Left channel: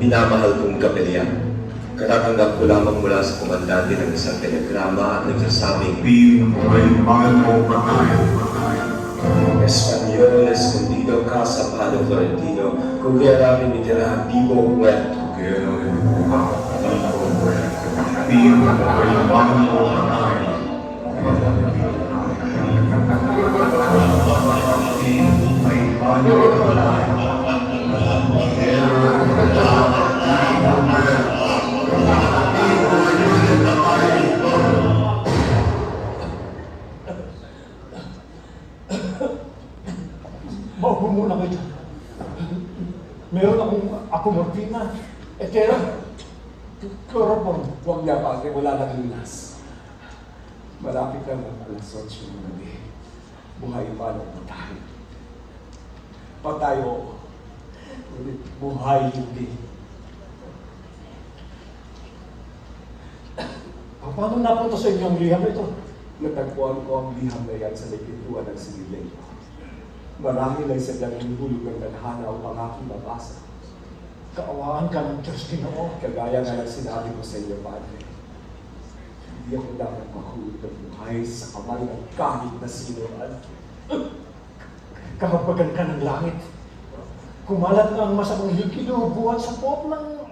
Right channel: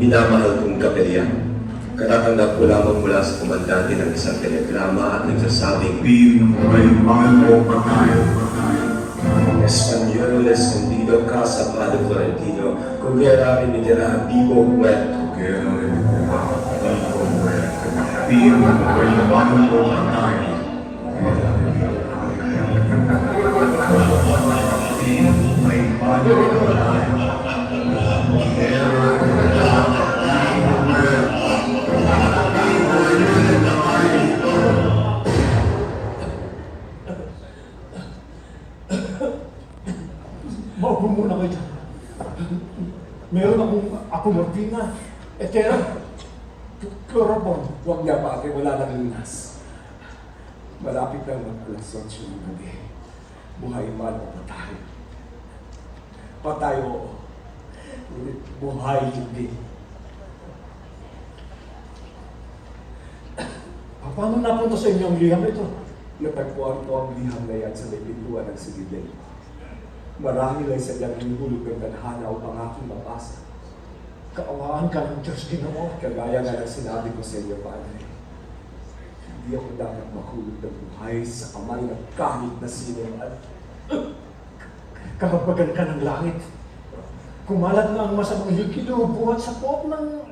Minamahal kong kapilya. Katatanggap ko lamang mula sa komandante ng isang telegrama at nagsasabing, Espanyol, escondido ka sa Palo Florentino, kung kaya rin itirahan vivo muerto. Maupo muna kayo. Meron ako morphina. Kaya, chloroform. Huwag niya pa, wala nang lunas. Malapit na mag-alas 8 ng gabi. Buhay man o patay. Patay o buhay hindi. Paano napunta sa inyo ang liham ito? Natagpuan ko ang liham na yan sa may pintuan ng sibilyan. Marami lang sa galing hulog ng tadhana o ang aking mabasa. Kaawaan ka ng Diyos, Ginoo. Kagaya nga ng sinabi ko sa iyo, Padre. Hindi ako dapat mahulog ng buhay sa kamay ng kahit na sino man. Kahabagan ka ng langit. Kumalat na ang masamang likido buhat sa pot ng